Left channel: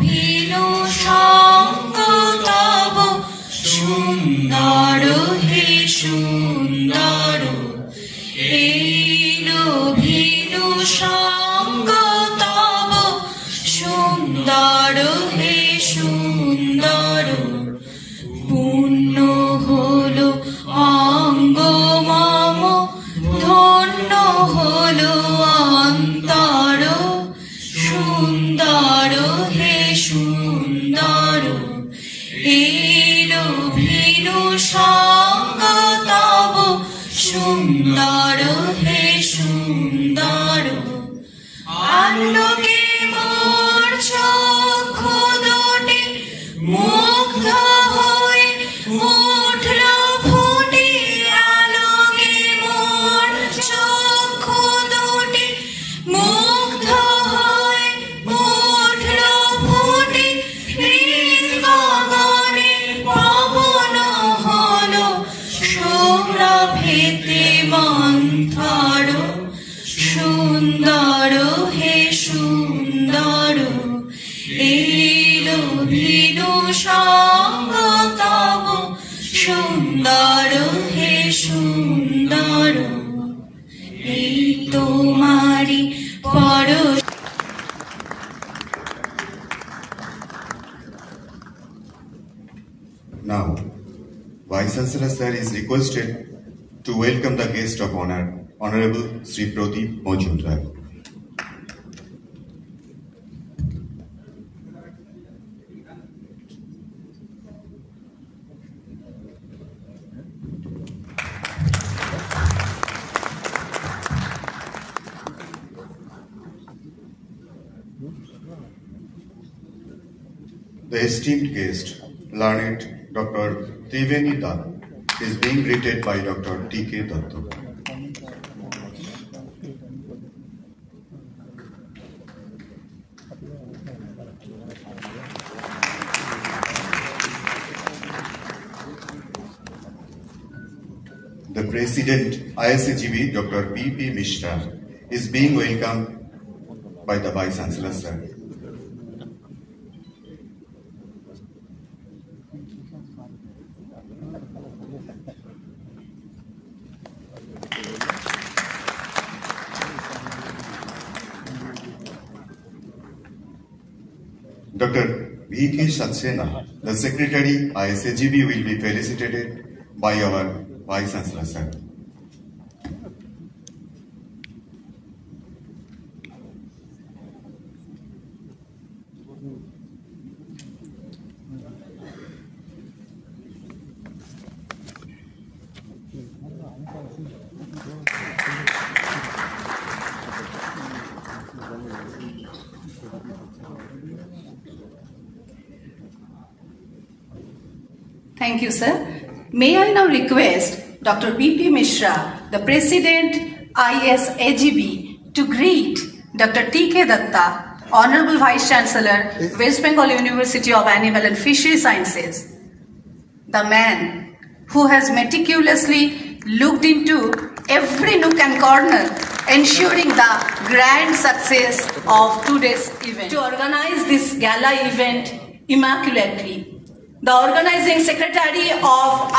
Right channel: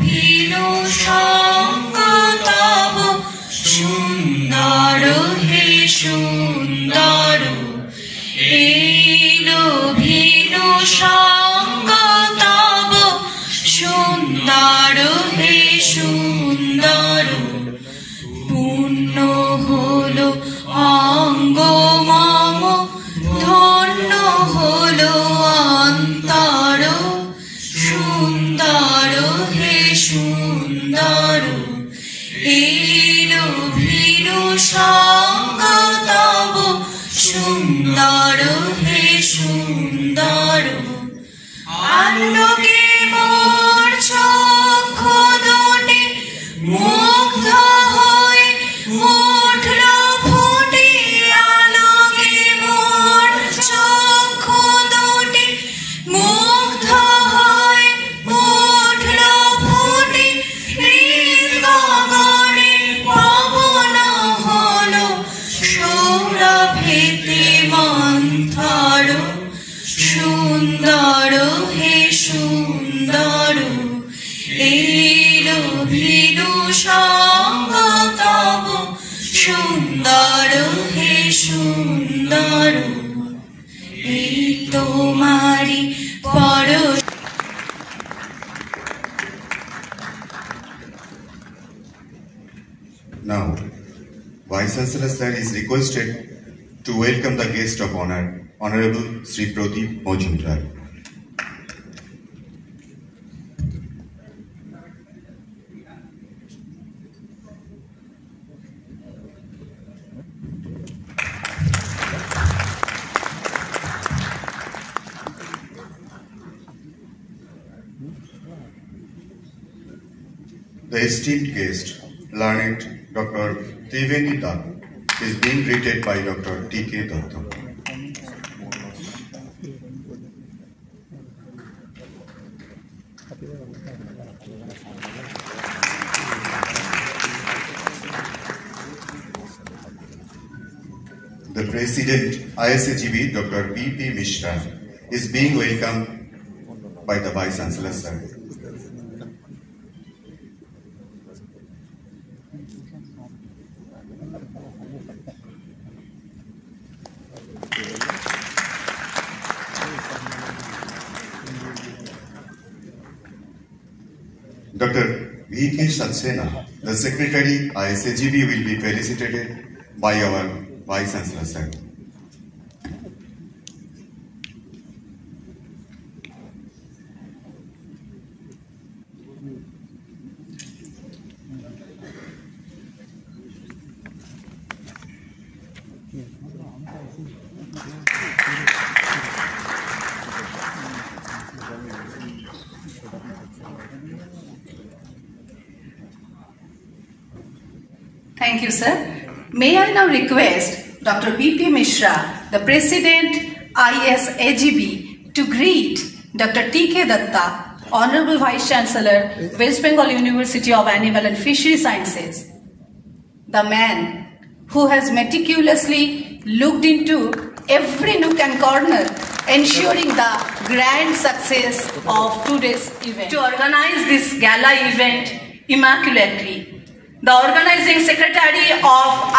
Venue সঙ্গ তব সুন্দর হে সুন্দর এলো ভিনু সঙ্গ তব সুন্দর হে সুন্দর পূর্ণ হলো অঙ্গ মম ধন্য হলো অন্তর সুন্দর হে সুন্দর এলো ভিনু সঙ্গ তব সুন্দর হে সুন্দর আলোকে মোর চক্ষু দুটি মুগ্ধ হয়ে উঠল ফুটে আলোকে মোর চক্ষু দুটি মুগ্ধ হয়ে উঠল ফুটে গগনে পবন হলো সৌরভেতে মন্থর সুন্দর হে সুন্দর এলো ভিনু সঙ্গ তব সুন্দর হে সুন্দর এই তোমারি পর Now, Vice Chancellor Sir is requested to welcome the guest of honor, Honorable Sri Pradeep Majumdar. The esteemed guest, learned Dr. Triveni Dutt, is being greeted by Dr. T.K. Datta. The President, ISAGB, Dr. B.P. Mishra, is being welcomed by the Vice Chancellor Sir. Dr. V.K. Saxena, the Secretary, ISAGB, will be felicitated by our Vice Chancellor Sir. Thank you, sir. May I now request Dr. B.P. Mishra, the President, ISAGB, to greet Dr. T.K. Datta, Honorable Vice Chancellor, West Bengal University of Animal and Fishery Sciences, the man who has meticulously looked into every nook and corner, ensuring the grand success of today's event. To organize this gala event immaculately, the Organizing Secretary of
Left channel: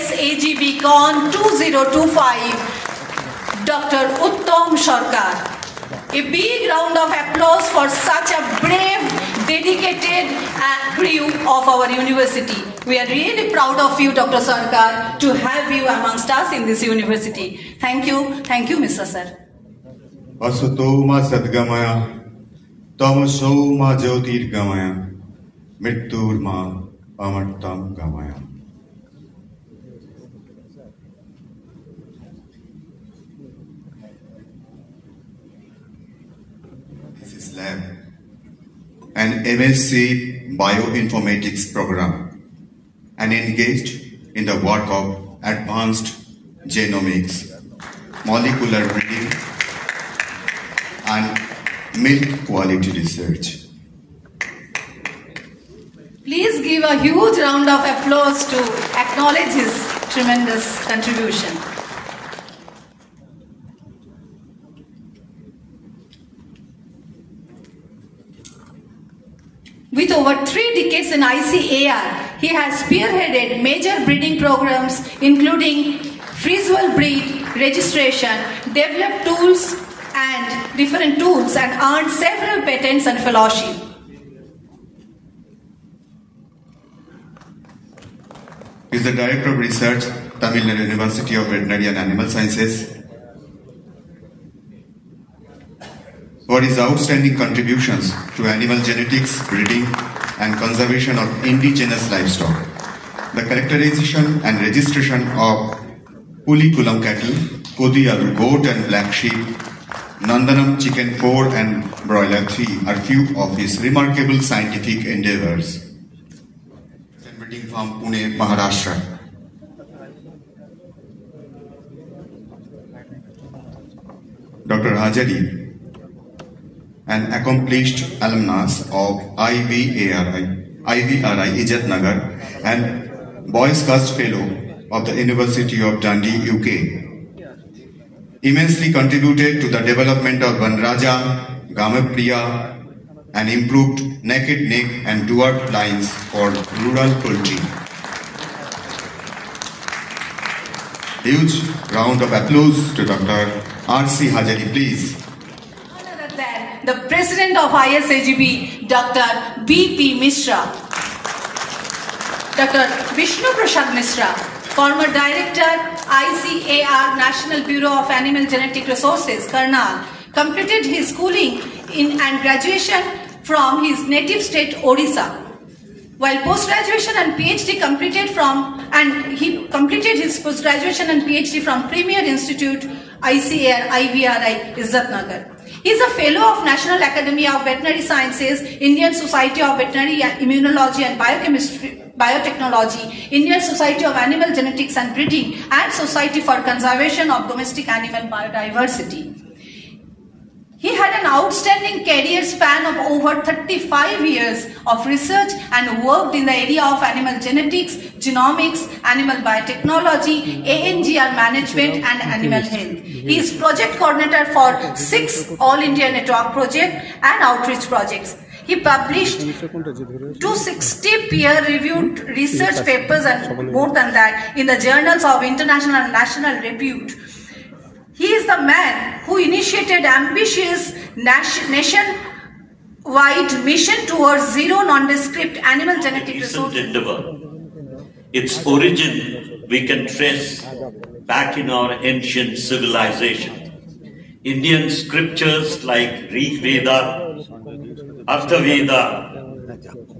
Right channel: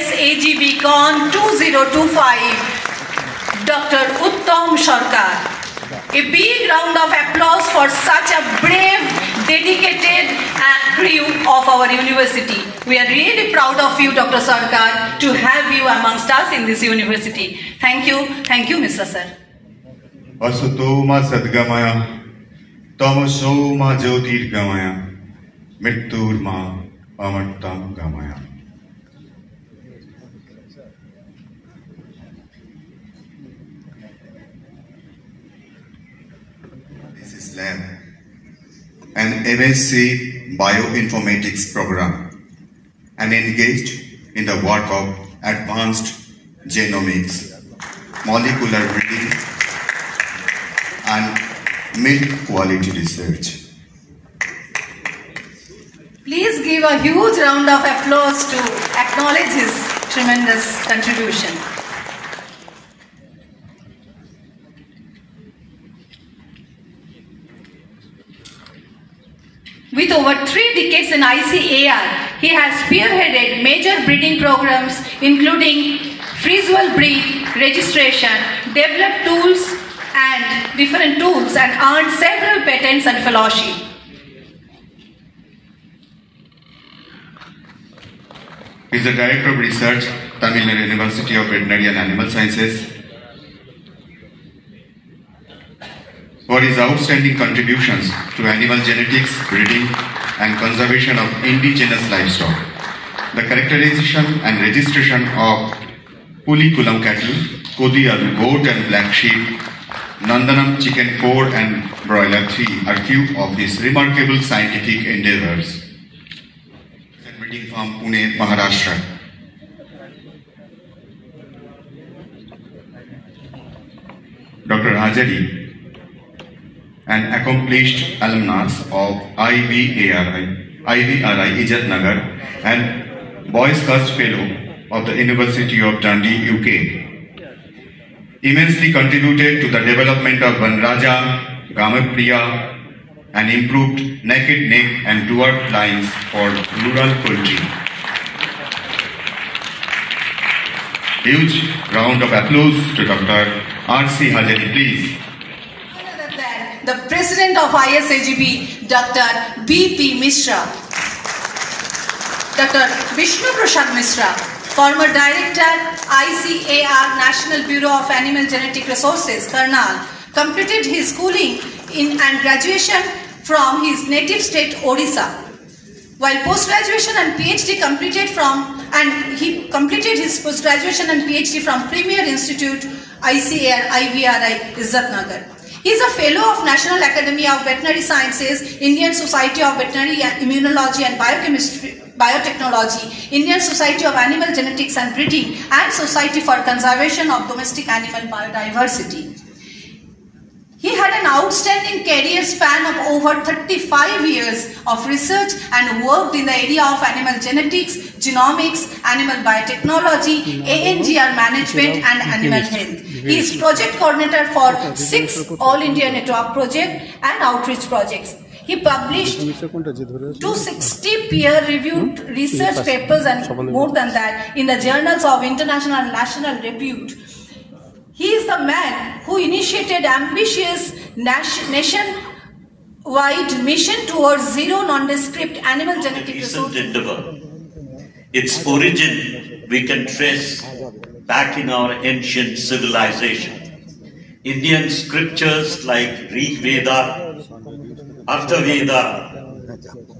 Isagbcon 2025, Dr. Uttam Sarkar. A big round of applause for such a brave, dedicated crew of our university. We are really proud of you, Dr. Sarkar, to have you amongst us in this university. Thank you, Mr. Sir. Asatoma Sadgamaya, Tamasoma Jyotirgamaya, Mritturma Amartam Gamaya. This is lab, an MSc Bioinformatics program, and engaged in the work of advanced genomics, molecular breeding, and milk quality research. Please give a huge round of applause to acknowledge his tremendous contribution. With over 3 decades in ICAR, he has spearheaded major breeding programs including freeze-well breed registration, developed tools and different tools, and earned several patents and fellowship. He is the Director of Research, Tamil Nadu University of Veterinary and Animal Sciences. For his outstanding contributions to animal genetics, breeding and conservation of indigenous livestock, the characterization and registration of Pulikulam cattle, Kodiyalu goat and black sheep, Nandanam chicken 4 and broiler 3 are few of his remarkable scientific endeavors. Breeding from Pune, Maharashtra. Dr. Hajari, an accomplished alumnus of IVRI Ijatnagar and Boy Scout Fellow of the University of Dundee, UK. Immensely contributed to the development of Vanraja, Gamatpriya and improved naked neck and dwarf lines for rural poultry. Huge round of applause to Dr. R.C. Hajari, please. The President of ISAGB, Dr. B.P. Mishra. Dr. Vishnu Prasad Mishra, former Director, ICAR National Bureau of Animal Genetic Resources, Karnal, completed his schooling and graduation from his native state, Odisha. While post-graduation and PhD he completed his post-graduation and PhD from Premier Institute, ICAR IVRI, Isagbcon. He is a Fellow of National Academy of Veterinary Sciences, Indian Society of Veterinary Immunology and Biotechnology, Indian Society of Animal Genetics and Breeding, and Society for Conservation of Domestic Animal Biodiversity. He had an outstanding career span of over 35 years of research and worked in the area of animal genetics, genomics, animal biotechnology, ANGR management and animal health. He is project coordinator for 6 All India Network projects and outreach projects. He published 260 peer-reviewed research papers and more than that in the journals of international and national repute. He is the man who initiated ambitious nationwide mission towards zero nondescript animal genetic resources. Its origin we can trace back in our ancient civilization. Indian scriptures like Rig Veda, Artha Veda,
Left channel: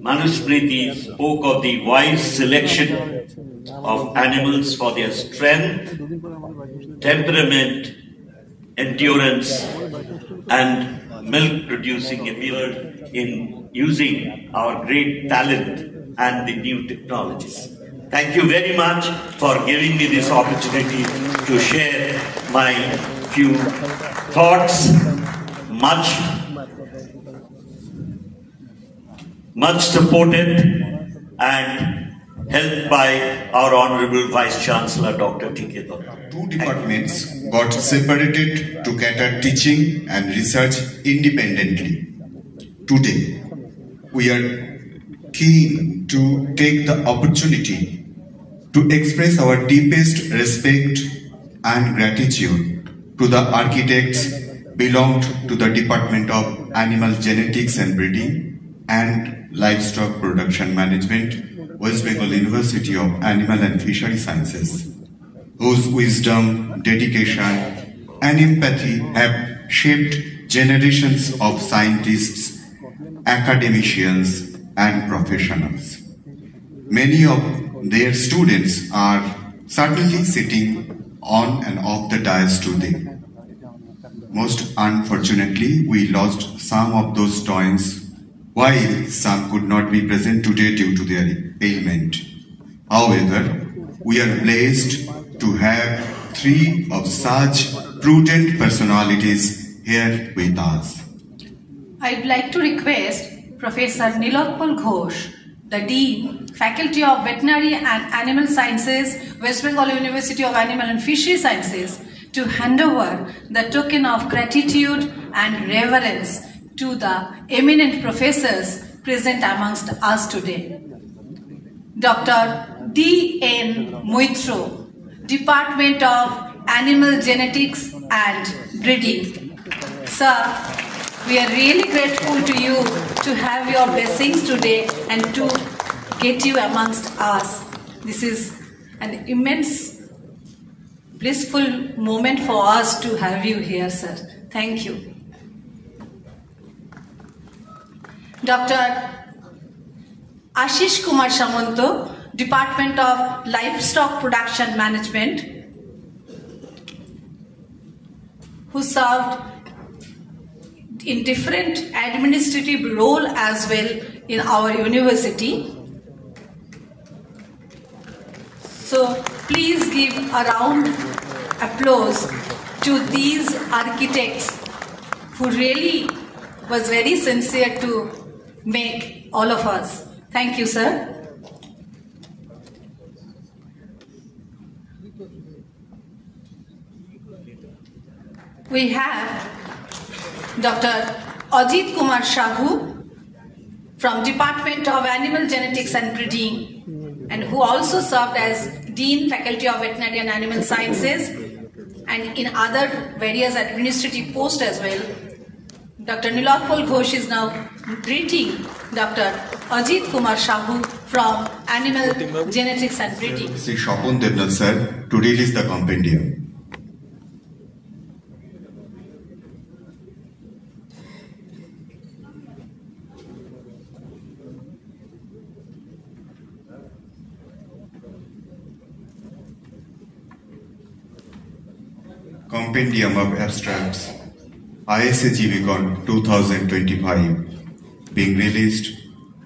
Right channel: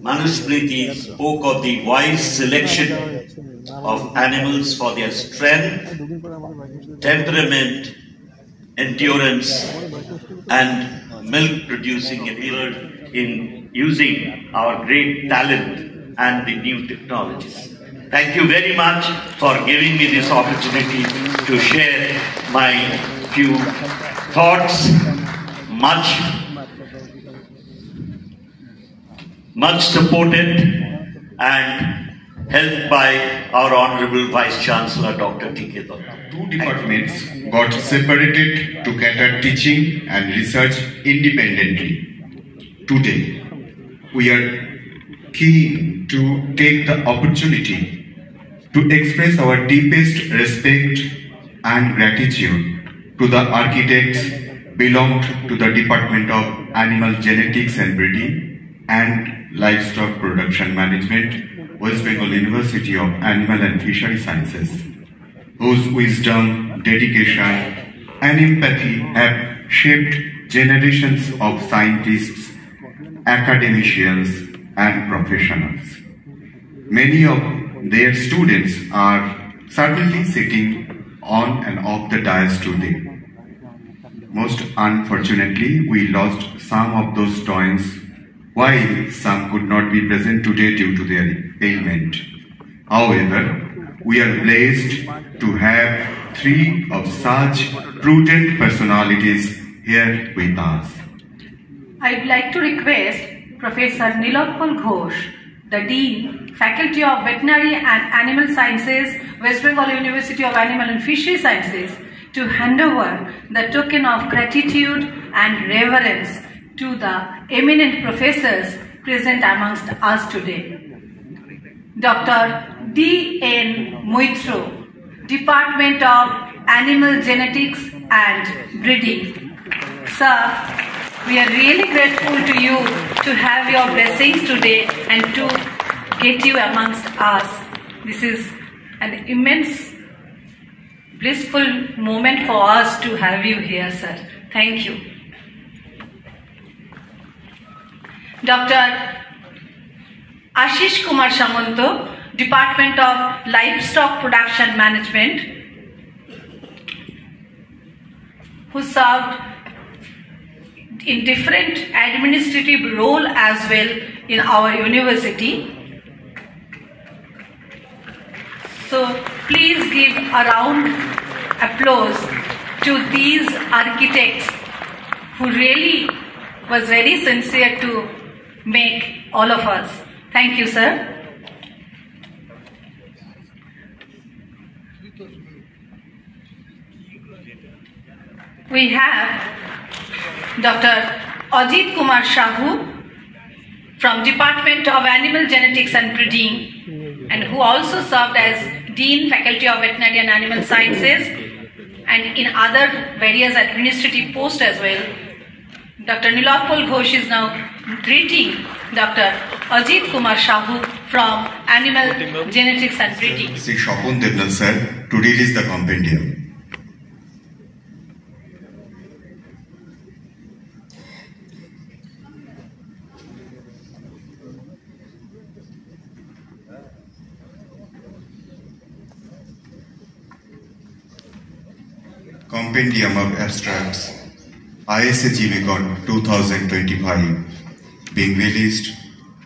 Manusmriti spoke of the wise selection of animals for their strength, temperament, endurance, and milk-producing ability in using our great talent and the new technologies. Thank you very much for giving me this opportunity to share my few thoughts, much supported and helped by our Honorable Vice Chancellor, Dr. T.K. Datta. 2 departments got separated to cater teaching and research independently. Today, we are keen to take the opportunity to express our deepest respect and gratitude to the architects belonged to the Department of Animal Genetics and Breeding and Livestock Production Management, West Bengal University of Animal and Fishery Sciences, whose wisdom, dedication, and empathy have shaped generations of scientists, academicians, and professionals. Many of their students are certainly sitting on and off the dais today. Most unfortunately, we lost some of those students, while some could not be present today due to their ailment. However, we are blessed to have 3 of such prudent personalities here with us. I'd like to request Professor Nilotpal Ghosh, the Dean, Faculty of Veterinary and Animal Sciences, West Bengal University of Animal and Fishery Sciences, to hand over the token of gratitude and reverence to the eminent professors present amongst us today. Dr. D.N. Moitro, Department of Animal Genetics and Breeding. Sir, we are really grateful to you to have your blessings today and to get you amongst us. This is an immense, blissful moment for us to have you here, sir. Thank you. Dr. Ashish Kumar Samanto, Department of Livestock Production Management, who served in different administrative role as well in our university. So please give a round applause to these architects who really was very sincere to make all of us. Thank you, sir. We have Dr. Ajit Kumar Shahu from Department of Animal Genetics and Breeding, and who also served as Dean Faculty of Veterinary and Animal Sciences and in other various administrative posts as well. Dr. Nilakpal Ghosh is now greeting Dr. Ajit Kumar Shahu from Animal Genetics and Breeding. Sri Shapon Devnal sir to release the compendium. Compendium of Abstracts, Isagbcon 2025, being released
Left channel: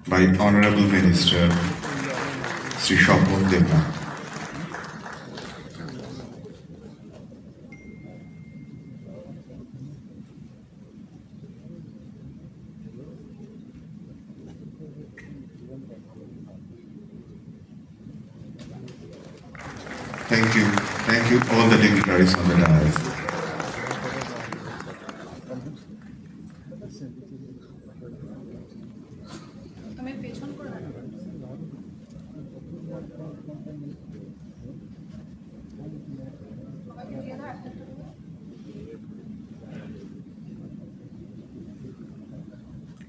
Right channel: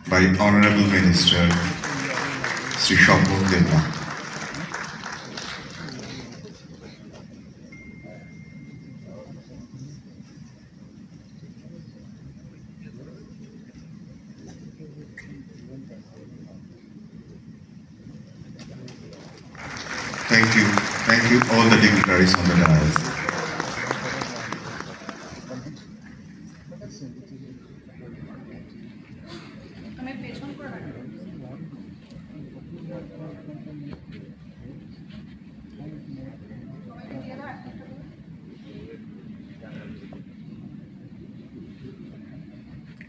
by Honorable Minister Sri Shapon Devnal. Thank you all the dignitaries on the dais.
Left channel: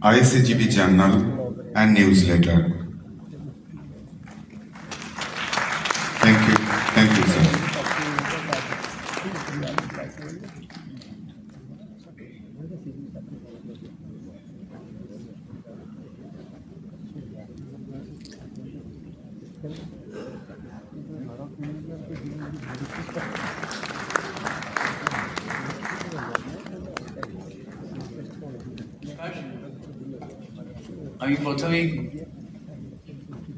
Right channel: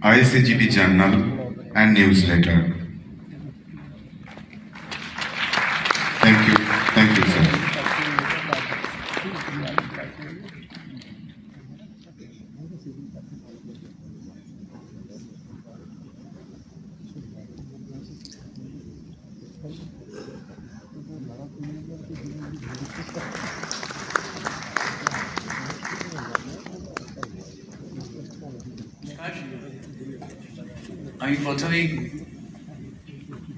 ISAGB Journal and Newsletter. Thank you, sir. আমি প্রথমেই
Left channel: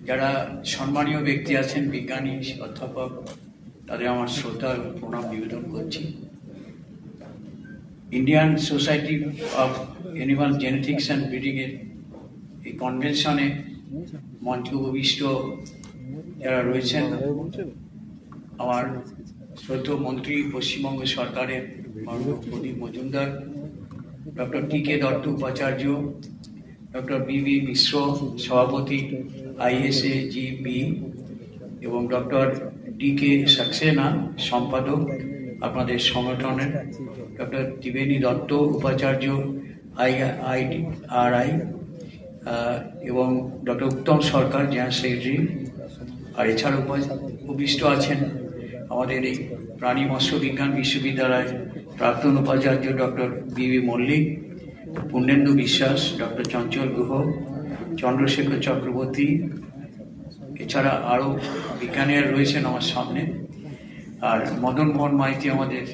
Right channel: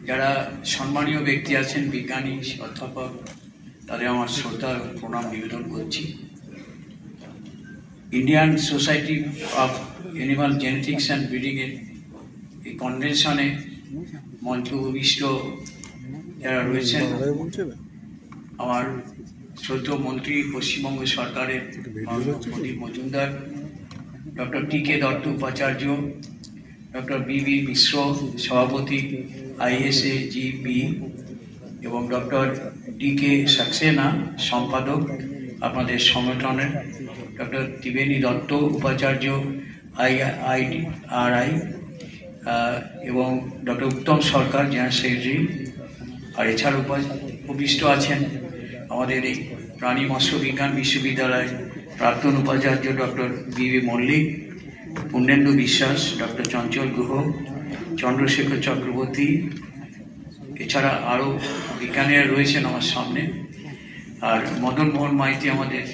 যারা সম্মানীয় ব্যক্তি আছেন, বিজ্ঞানী, অধ্যাপক, তাদের আমার শ্রদ্ধা প্রণাম নিবেদন করছি। Indian society of animal genetics and ব্রিডিংয়ের এই কনভেনশনে মঞ্চ উপবিষ্ট যারা রয়েছেন, আমার শ্রদ্ধেয় মন্ত্রী, পশ্চিমবঙ্গ সরকারের প্রদীপ মজুমদার, ডক্টর টি.কে. দত্ত উপাচার্য, ডক্টর বি.বি. মিশ্র সভাপতি ISAGB এবং ডক্টর ডি.কে. সাক্সেনা সম্পাদক আপনাদের সংগঠনের, ডক্টর ত্রিবেণী দত্ত উপাচার্য IIRI এবং ডক্টর উত্তম সরকার জেনারেল সেক্রেটারি। আর এছাড়া উপবিষ্ট আছেন আমাদের এই প্রাণী মৎস্য বিজ্ঞান বিশ্ববিদ্যালয়ের প্রাক্তন উপাচার্য ডক্টর বি.বি. মল্লিক, পূর্ণেন্দু বিশ্বাস, ডক্টর চঞ্চল গুহ, চন্দ্রশেখর চক্রবর্তী, এছাড়া আরও বিজ্ঞানীরা রয়েছেন আমার সামনে। আর মদন মোহন মাইতি আমাদের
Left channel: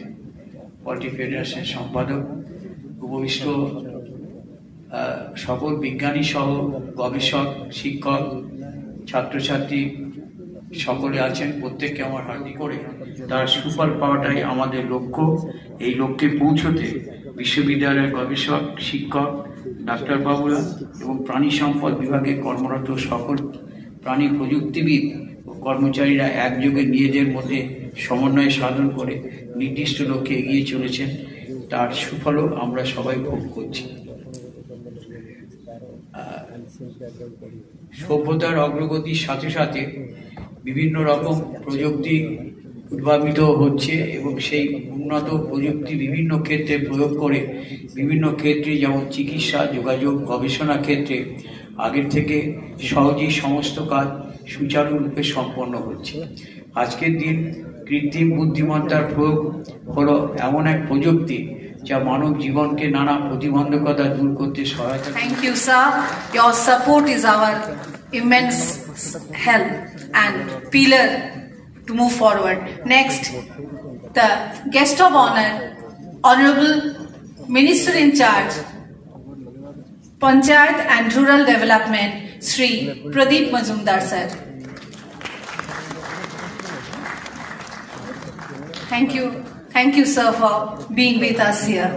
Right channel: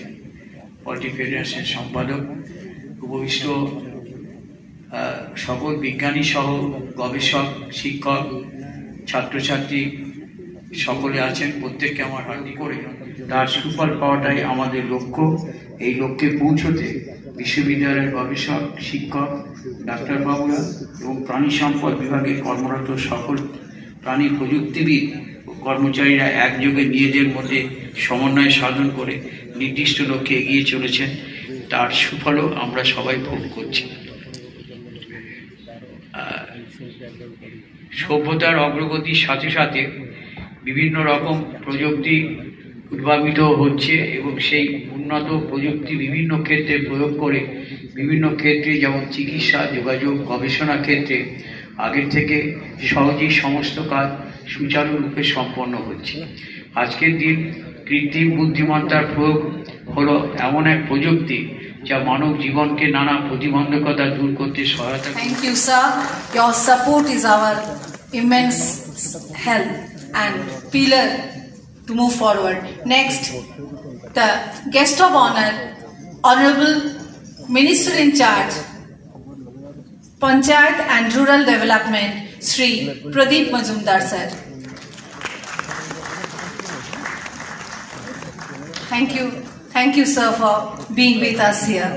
পলিটি ফেডারেশনের সম্পাদক, উপবিষ্ট সকল বিজ্ঞানী সহ গবেষক, শিক্ষক, ছাত্রছাত্রী সকলে আছেন। প্রত্যেককে আমার হার্দিক করে তার সুফল পাওয়াটাই আমাদের লক্ষ্য। এই লক্ষ্যে পৌঁছতে বিশ্ববিদ্যালয়ের গবেষক, শিক্ষক, ডাক্তারবাবুরা এবং প্রাণী সম্পদ বিভাগে কর্মরত সকল প্রাণী প্রযুক্তিবিদ ও কর্মচারীরা একযোগে নিজেদের মধ্যে সমন্বয় সাধন করে নির্দিষ্ট লক্ষ্যে এগিয়ে চলেছেন। তার সুফলও আমরা সবাই ভোগ করছি। সভ্যতার অগ্রগতির সাথে সাথে বিভিন্ন রকম প্রযুক্তি উদ্ভাবিত হচ্ছে এবং সেই উন্নত প্রযুক্তি বিভিন্ন ক্ষেত্রে প্রয়োগ করে বিভিন্ন ক্ষেত্রে যেমন চিকিৎসা, যোগাযোগ, গবেষণা ক্ষেত্রে আগের থেকে সহজেই সমস্ত কাজ সুচারুরূপে সম্পন্ন হচ্ছে। আজকের দিন কৃত্রিম বুদ্ধিমত্তার প্রয়োগ হলো এমন এক প্রযুক্তি যা মানব জীবনকে নানা প্রতিবন্ধকতা দূর করতে সহায়তা। Thank you, sir. Your support is our immense help and pillar to move forward. Next, the guest of honor, Honorable Minister in charge, Panchayat and Rural Development, Shri Pradeep Majumdar, sir. Thank you, sir, for being with us here.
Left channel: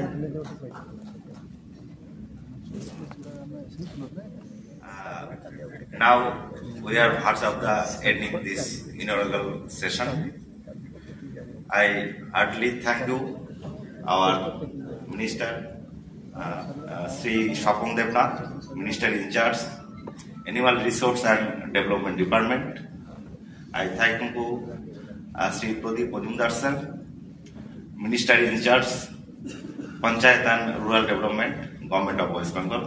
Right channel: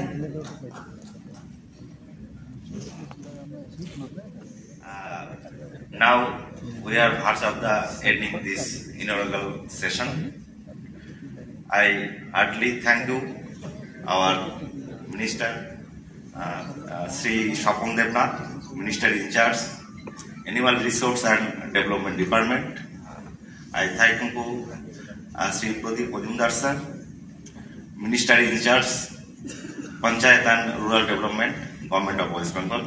Now we are part of the ending this inaugural session. I heartily thank you, our Minister, Sri Shapon Devnath, Minister in charge, Animal Resource and Development Department. I thank you, Sri Pradeep Majumdar sir, Minister in charge, Panchayat and Rural Development, Government of West Bengal.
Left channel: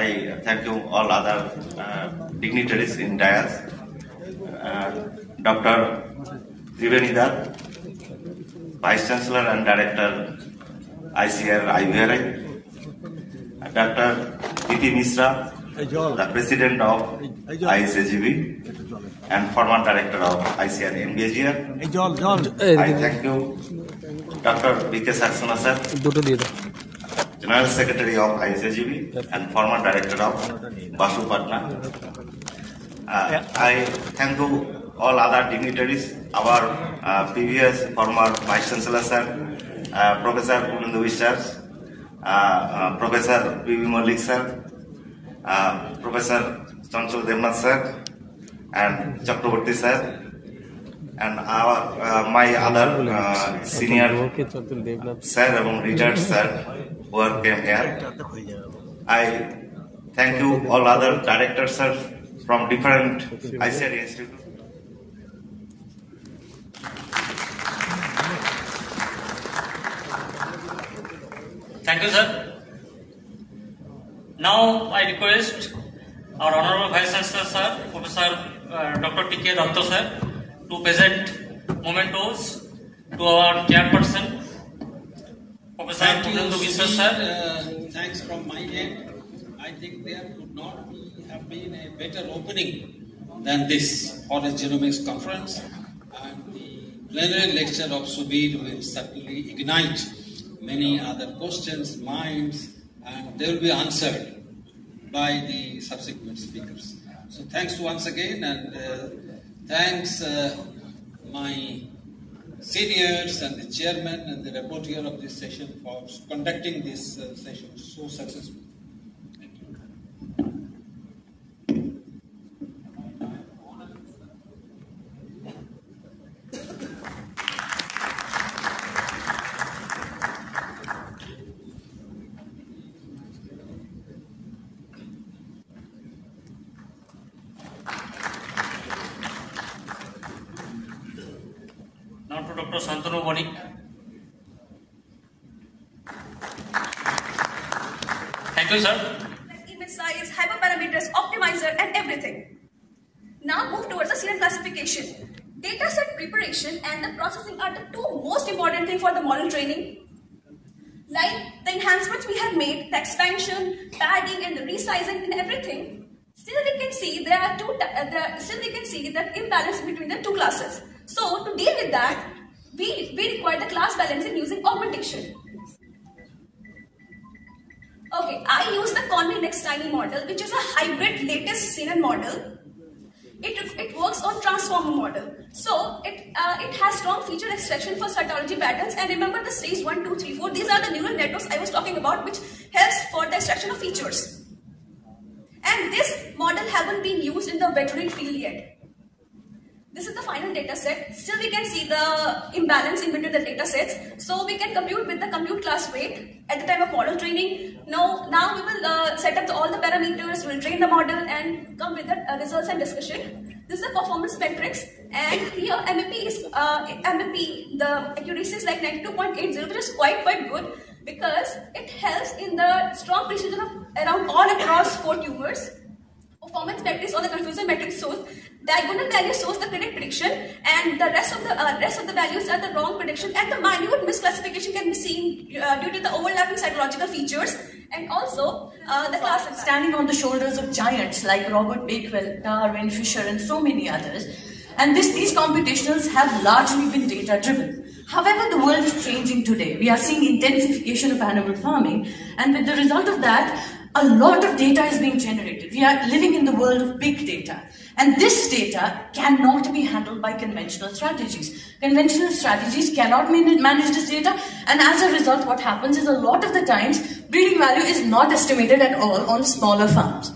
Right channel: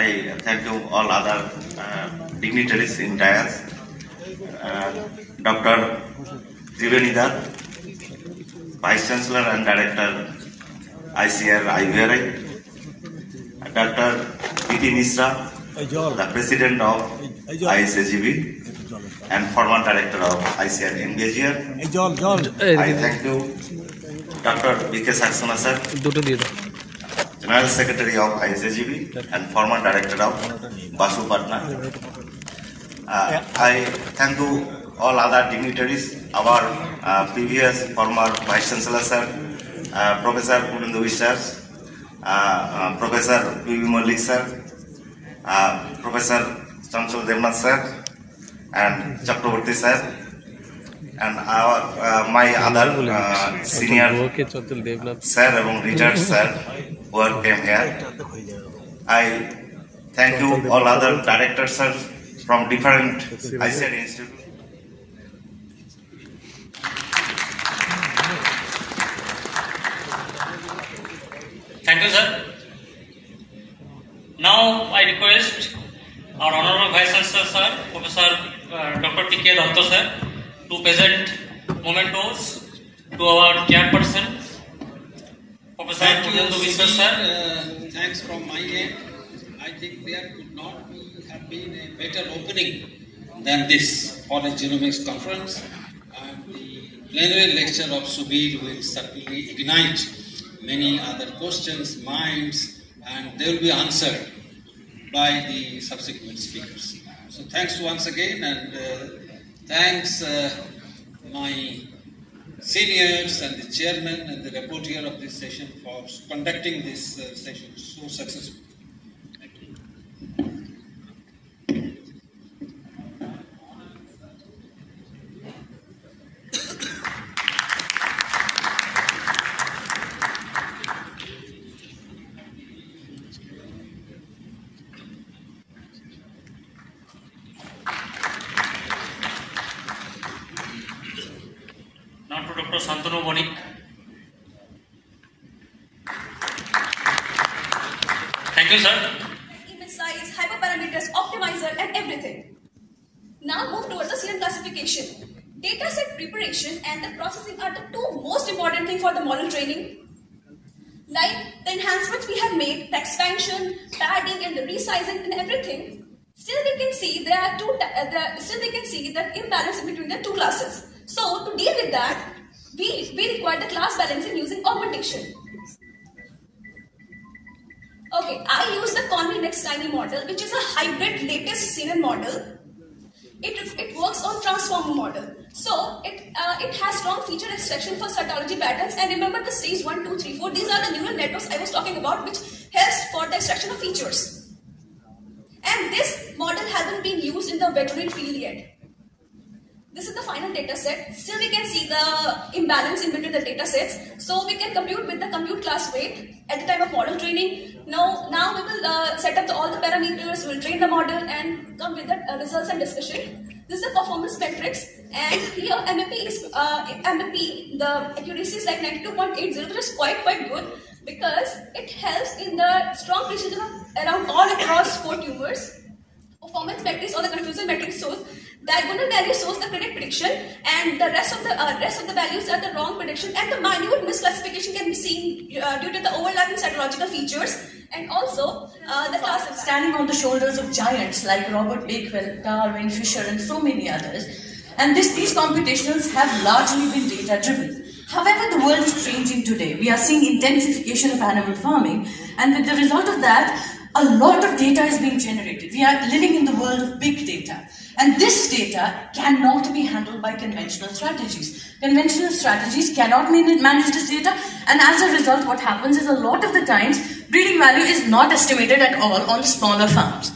I thank you all other dignitaries in dais, Dr. Trivenidar, Vice Chancellor and Director, ICR IVRI, Dr. P.T. Mishra, the President of ISAGB and former Director of ICR MBGR. I thank you, Dr. B.K. Saxena sir, General Secretary of ISAGB and former Director of Basu Patna. I thank you all other dignitaries, our previous former Vice Chancellor sir, Professor Punendu Vishwas, Professor P.V. Malik sir, Professor Chanchal Devnath sir, and Chakraborty sir, and my other senior sir and retired sir who came here. I thank you all other directors sir from different ICR institutes. Thank you, sir. Now I request our Honorable Vice Chancellor, sir, Professor Dr. T.K. Datta, sir, to present mementos to our chairperson, Professor Punendu Vishwas, sir. Thanks from my end. I think there could not have been a better opening than this for a genomics conference, and the plenary lecture of Subir will certainly ignite many other questions, minds, and they will be answered by the subsequent speakers. So thanks once again, and thanks my seniors and the chairman and the rapporteur of this session for conducting this session so successfully. Thank you. Now to Dr. Santanu Bonik. Thank you, sir. Image size, hyperparameters, optimizer, and everything. Now move towards the CNN classification. Data set preparation and the processing are the two most important things for the model training. Like the enhancements we have made, the expansion, padding, and the resizing and everything. Still we can see there are the imbalance between the two classes. So to deal with that, we require the class balancing using augmentation. Okay, I use the Conway Next Tiny model, which is a hybrid latest CNN model. It works on transformer model. So it has strong feature extraction for cytology patterns. And remember the stage 1, 2, 3, 4. These are the neural networks I was talking about, which helps for the extraction of features. And this model hasn't been used in the veterinary field yet. This is the final data set. Still we can see the imbalance in between the data sets. So we can compute with the compute class weight at the time of model training. Now we will set up all the parameters, we'll train the model and come with the results and discussion. This is the performance metrics, and here MVP, the accuracy is like 92.80, which is quite good because it helps in the strong precision of around all across 4 tumors. Performance metrics or the confusion metrics shows diagonal value shows the correct prediction, and the rest of the values are the wrong prediction, and the minute misclassification can be seen due to the overlapping cytological features, and also the class standing on the shoulders of giants like Robert Bakewell, Darwin, Fisher, and so many others. And these computations have largely been data driven. However, the world is changing today. We are seeing intensification of animal farming, and with the result of that, a lot of data is being generated. We are living in the world of big data. And this data cannot be handled by conventional strategies. Conventional strategies cannot manage this data, and as a result, what happens is a lot of the times, breeding value is not estimated at all on smaller farms.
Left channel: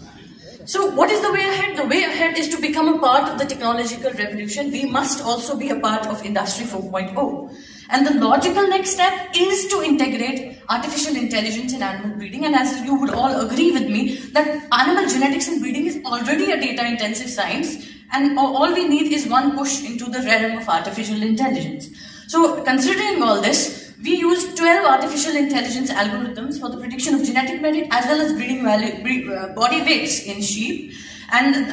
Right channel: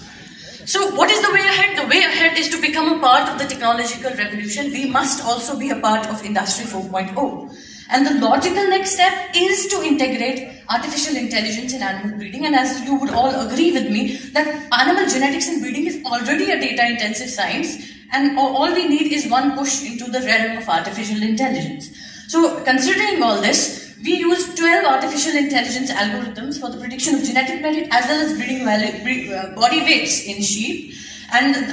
So what is the way ahead? The way ahead is to become a part of the technological revolution. We must also be a part of Industry 4.0. And the logical next step is to integrate artificial intelligence in animal breeding. And as you would all agree with me, that animal genetics and breeding is already a data-intensive science, and all we need is one push into the realm of artificial intelligence. So considering all this, we use 12 artificial intelligence algorithms for the prediction of genetic merit as well as breeding body weights in sheep. And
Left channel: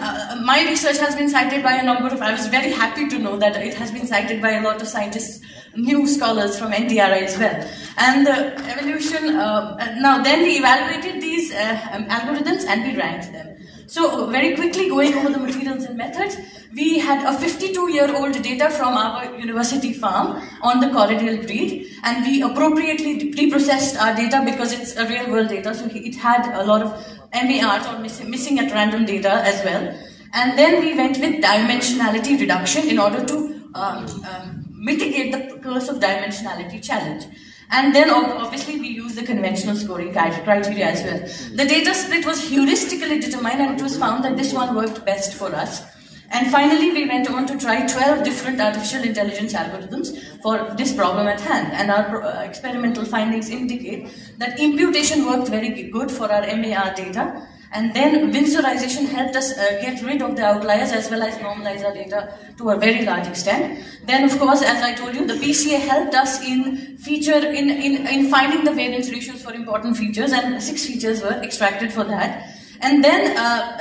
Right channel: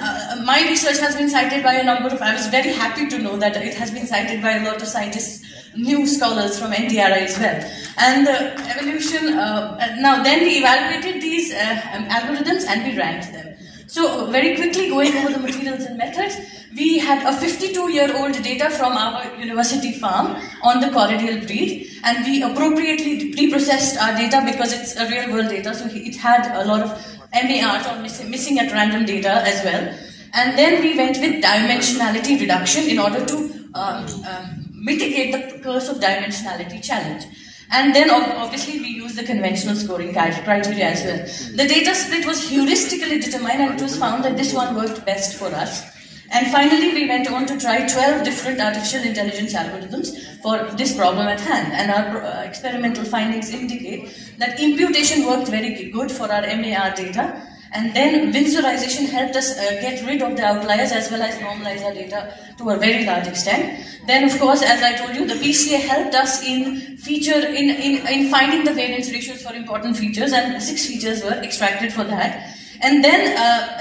my research has been cited by a number of, I was very happy to know that it has been cited by a lot of scientists, new scholars from NTRI as well. And evolution, now then we evaluated these algorithms and we ranked them. So very quickly going over the materials and methods, we had a 52-year-old data from our university farm on the corridial breed, and we appropriately pre-processed our data because it's a real-world data, so it had a lot of MARs or missing at random data as well. And then we went with dimensionality reduction in order to mitigate the curse of dimensionality challenge. And then obviously we use the conventional scoring criteria as well. The data split was heuristically determined, and it was found that this one worked best for us. And finally we went on to try 12 different artificial intelligence algorithms for this problem at hand. And our experimental findings indicate that imputation worked very good for our MAR data. And then Winsorization helped us get rid of the outliers as well as normalize our data to a very large extent. Then, of course, as I told you, the PCA helped us in finding the variance ratios for important features, and 6 features were extracted for that. And then,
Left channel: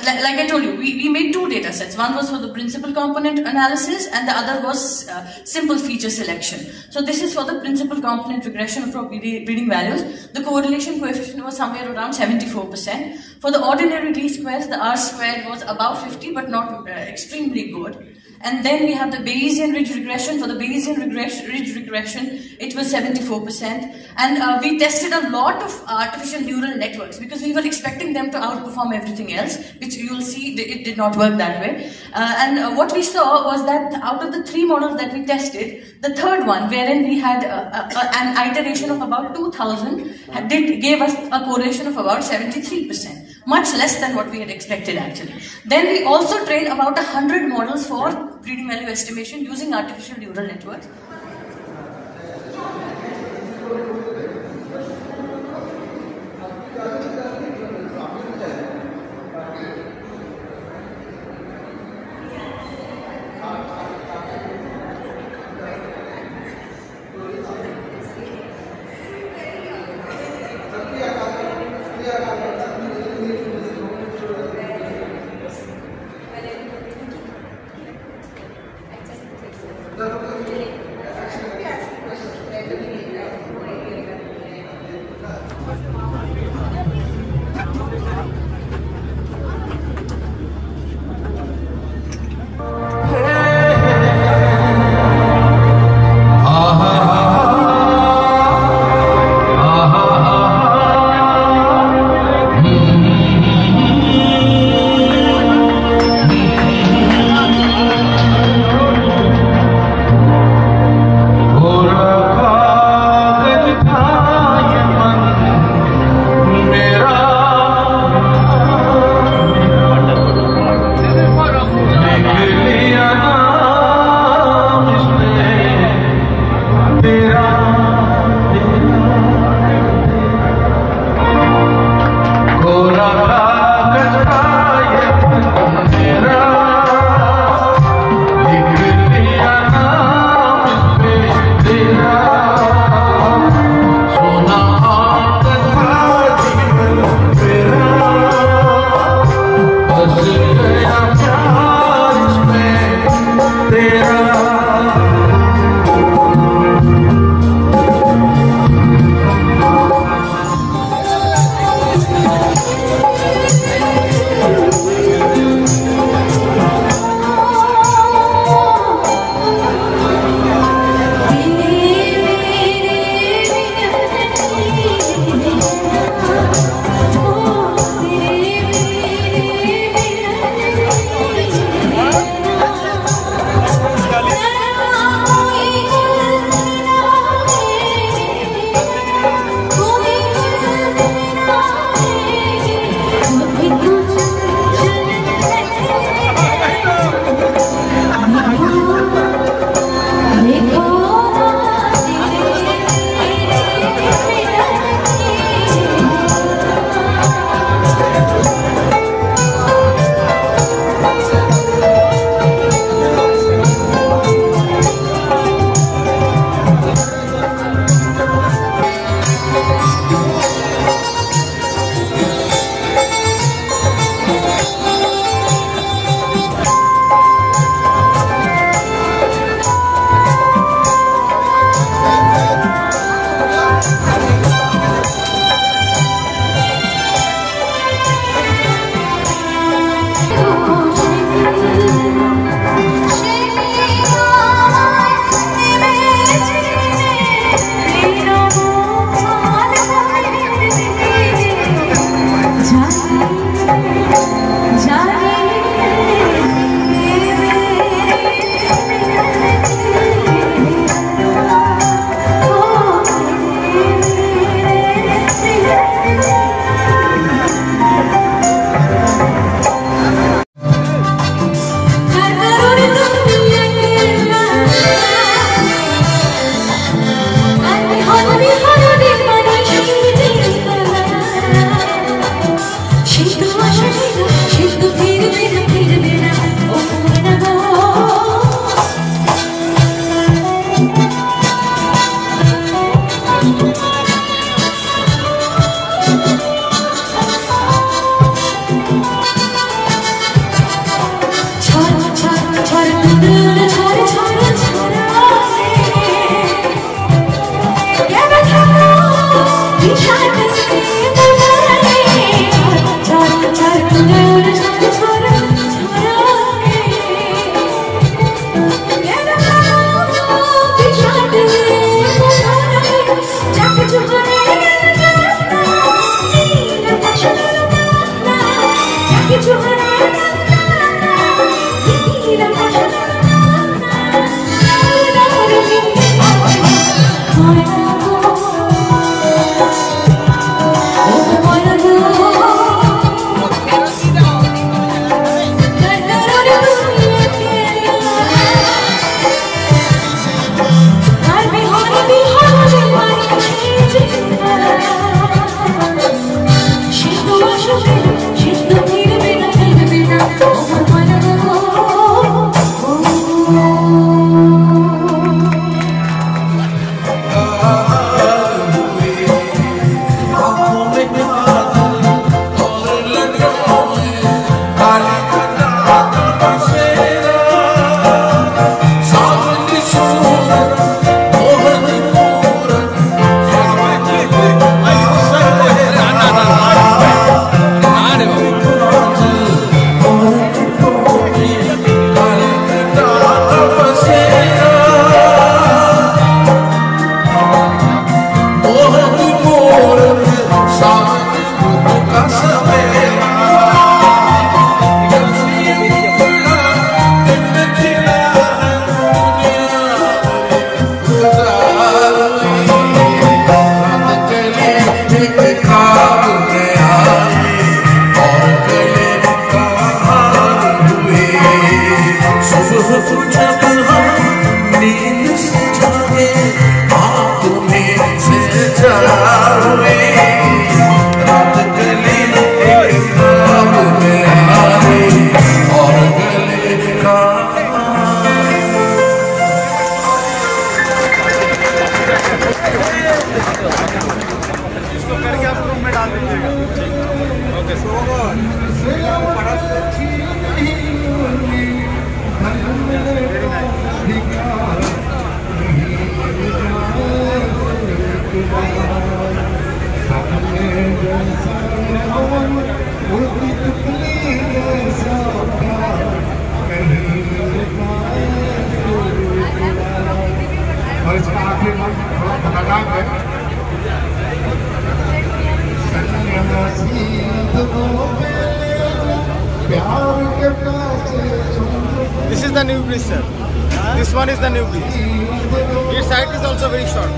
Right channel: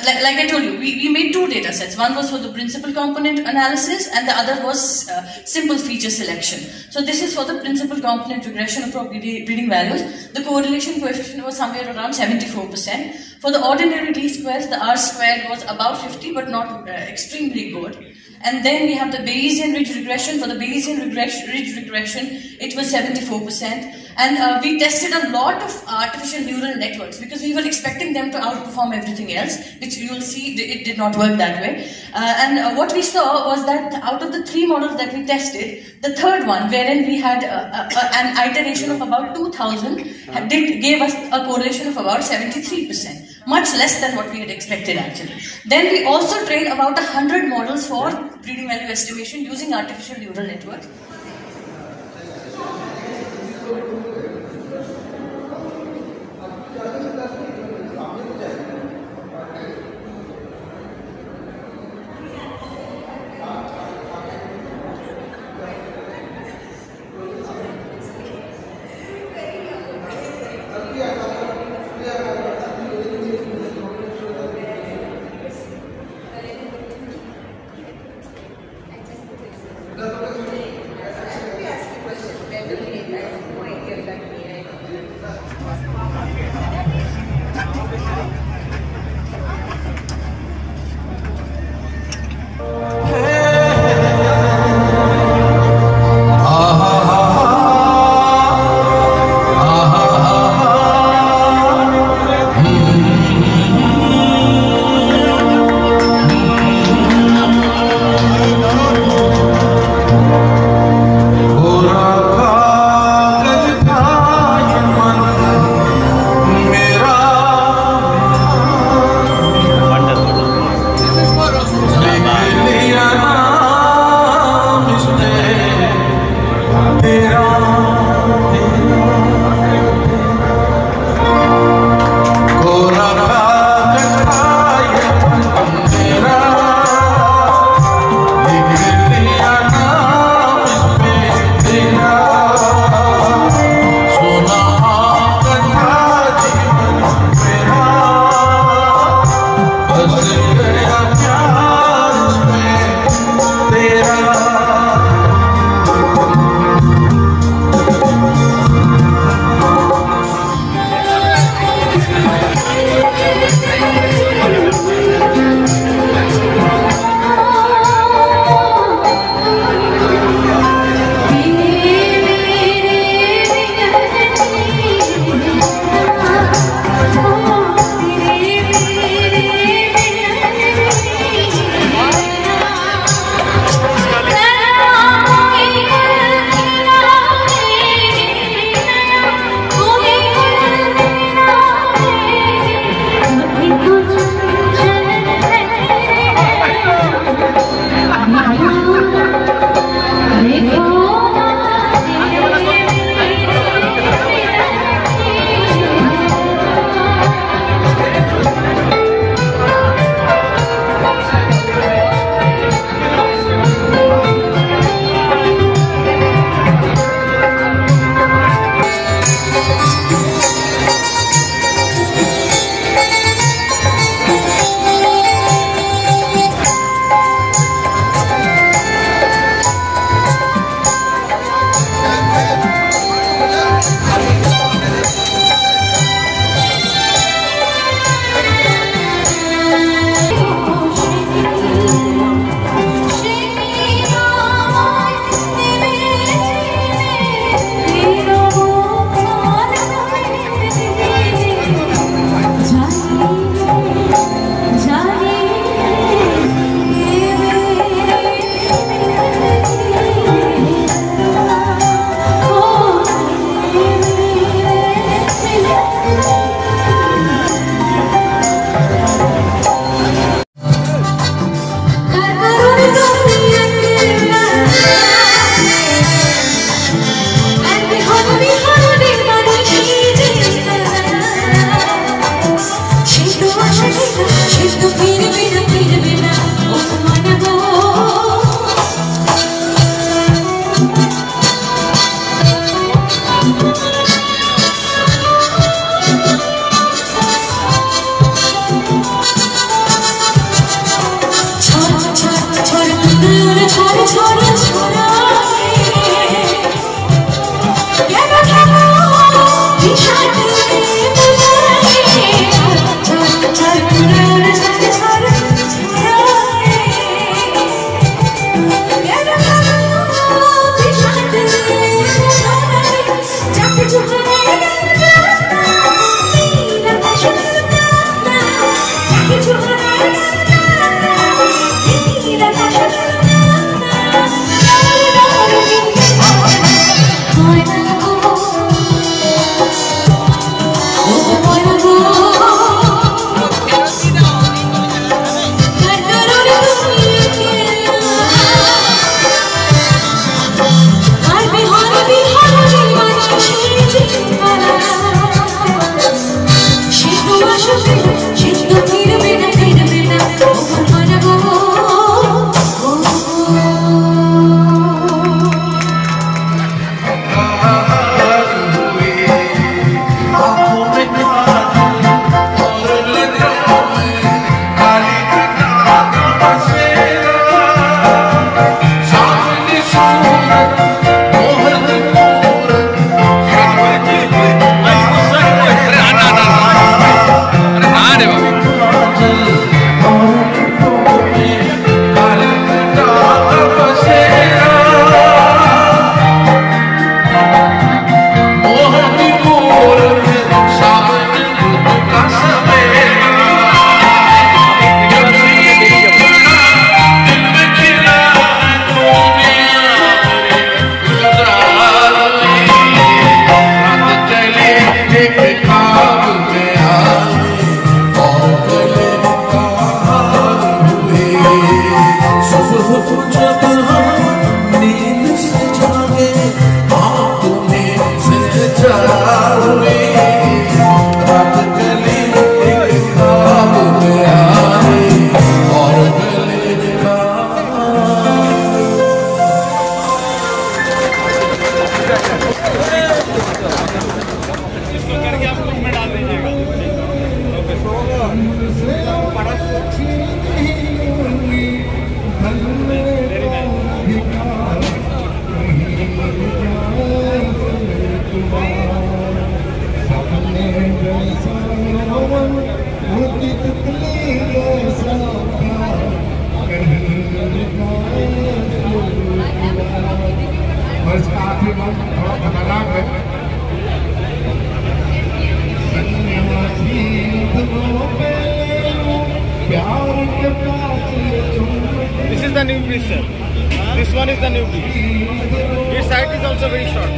like I told you, we made 2 data sets. One was for the principal component analysis, and the other was simple feature selection. So this is for the principal component regression of breeding values. The correlation coefficient was somewhere around 74%. For the ordinary d-squares, the R-squared was about 50, but not extremely good. And then we have the Bayesian ridge regression. For the Bayesian ridge regression, it was 74%. And we tested a lot of artificial neural networks because we were expecting them to outperform everything else, which you will see it did not work that way. And what we saw was that out of the 3 models that we tested, the third one, wherein we had an iteration of about 2000, gave us a correlation of about 73%. Much less than what we had expected actually. Then we also trained about 100 models for breeding value estimation using artificial neural networks. This is the new bridge, sir. This one is the new bridge. Its height is also very short.